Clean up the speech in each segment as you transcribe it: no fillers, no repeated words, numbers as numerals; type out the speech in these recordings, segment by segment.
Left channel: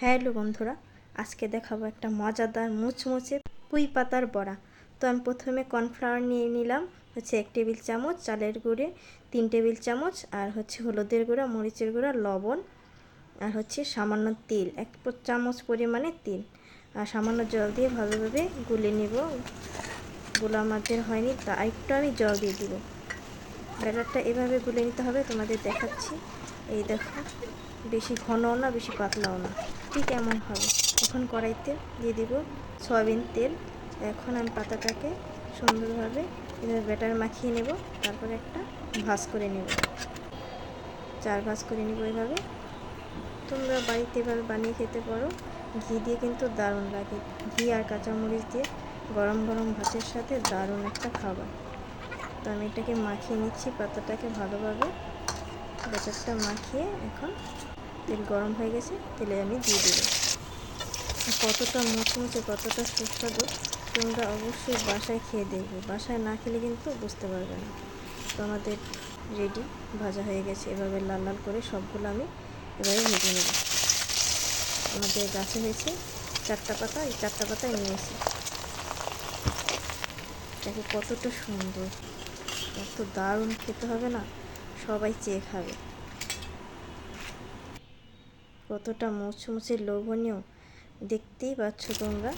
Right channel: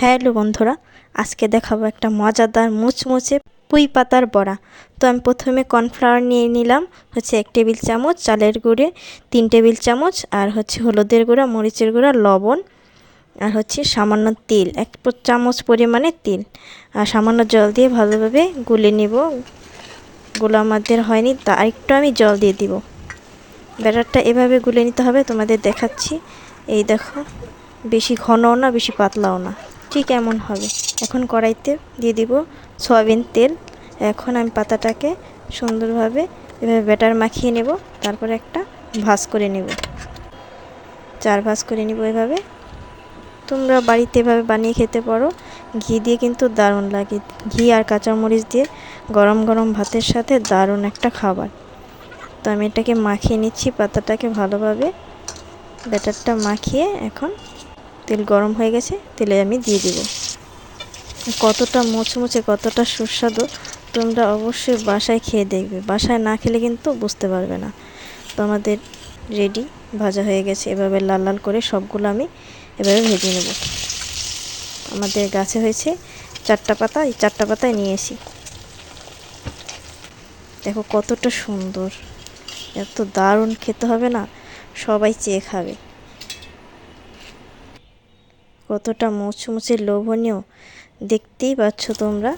Hello বন্ধুরা, আজকে দেখাবো একটা মজাদার মুচমুচে পুঁই পাতার বড়া। তো আমি প্রথমে কর্নফ্লাওয়ার নিয়ে নিলাম 1 টেবিল চামচ, চালের গুঁড়ে 3 টেবিল চামচ, আর হলুদের গুঁড়া, মরিচের গুঁড়া, লবণ, আর সামান্য তেল, 1 চামচ পরিমাণে তেল, আর সামান্য জল দিয়ে ভালোভাবে গুলে নিব। গুলো আমাদের হয়নি, তা একটু আমি জল দিয়ে দিব। ব্যাটারটা এভাবে গুলে নিতে হবে, তোমাদের দেখাচ্ছি। এই দেখো, বেশি ঘনও না বেশি পাতলাও না, ঠিক এমন হবে। এখন কড়াইতে দিয়ে দিব সয়াবিন তেল। এখন আমি পাতাটাকে সুন্দরভাবে এভাবে ব্যাটার মাখিয়ে নেব। তারপরে একটা ভাঁজ করে নেব, 4 ভাঁজ করে নেব এভাবে। তোমরা বাড়িতে এভাবে বানিয়ে খেতে পারো, ঘি দিয়ে কিন্তু দারুণ লাগে। ঘি আর কাঁচামরিচ দিয়ে গরম গরম ভাতের সাথে দারুণ একটা খাবার। তো আমি এটাকে মাখিয়ে নিচ্ছি, পাতাটাকে ভালোভাবে ব্যাটারটা মাখিয়ে। এখন তেল গরম হয়ে গেছে, তেলে আমি দিয়ে দেব। কতটা মুচমুচে, কতটা সুস্বাদু, তোমরা অবশ্যই বাসায় খেয়ে দেখবে। বাসায় না খেলে কিন্তু বুঝতে পারবে না। তো আমাদের রেডি, ভাজা হয়ে গেছে। এভাবে লাল লাল করে সবগুলো আমি এভাবে ভেজে নেব। আমাদের গাছে হয়েছে 4টা পাতা, এই 4টা পাতায় নিয়েছি। দেখো কতটা সুন্দর, এত দারুণ খেতে হবে না, সবাই চেয়ে খাবে। কতটা মুচমুচে, লোভনীয়, দেখতেই পাচ্ছ তোমরা।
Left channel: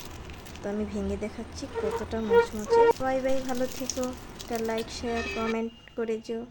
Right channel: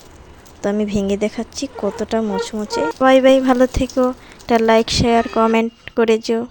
তো আমি ভেঙে দেখাচ্ছি কতটা মুচমুচে। বাই বাই, ভালো থেকো। একটা লাইক শেয়ার কমেন্ট করে যেও।